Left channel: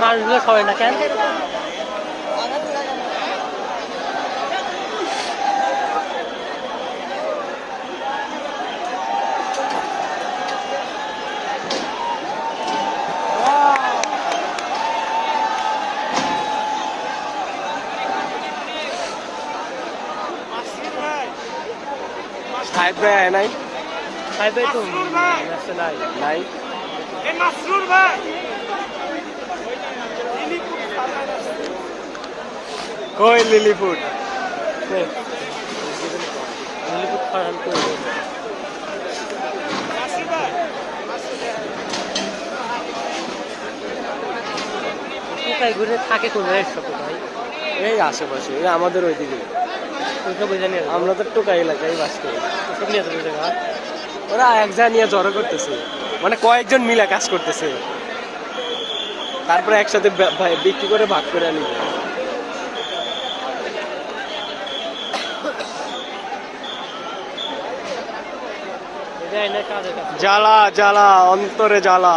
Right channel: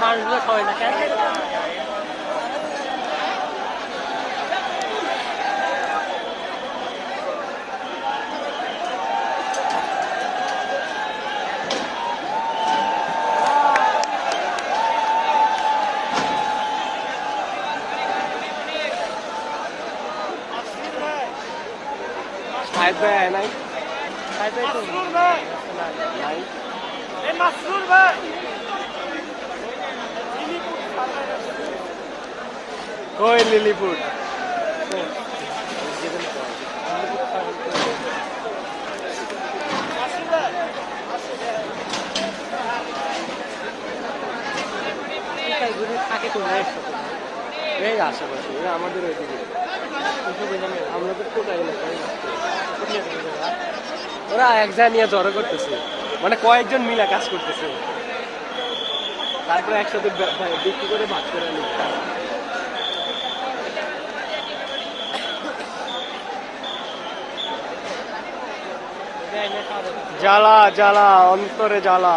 মানুষগুলো সবাই না কেন সাহেব ভাই আয় নাই নাই কই লিলিপুট ঘুরে থাকে তো এই আশেপাশে আমাদের ওইদিকে আমরা তো টোকাই এলাকায় বাস করি ওরা একজন নিয়ে জড়ো করতেছে মানে কয়েকজন মিলে কাজ করতেছে তারপরে একসাথে বিক্রি করে ভাগ করে নিবে জ্বালা জ্বালা অন্তরে জ্বালা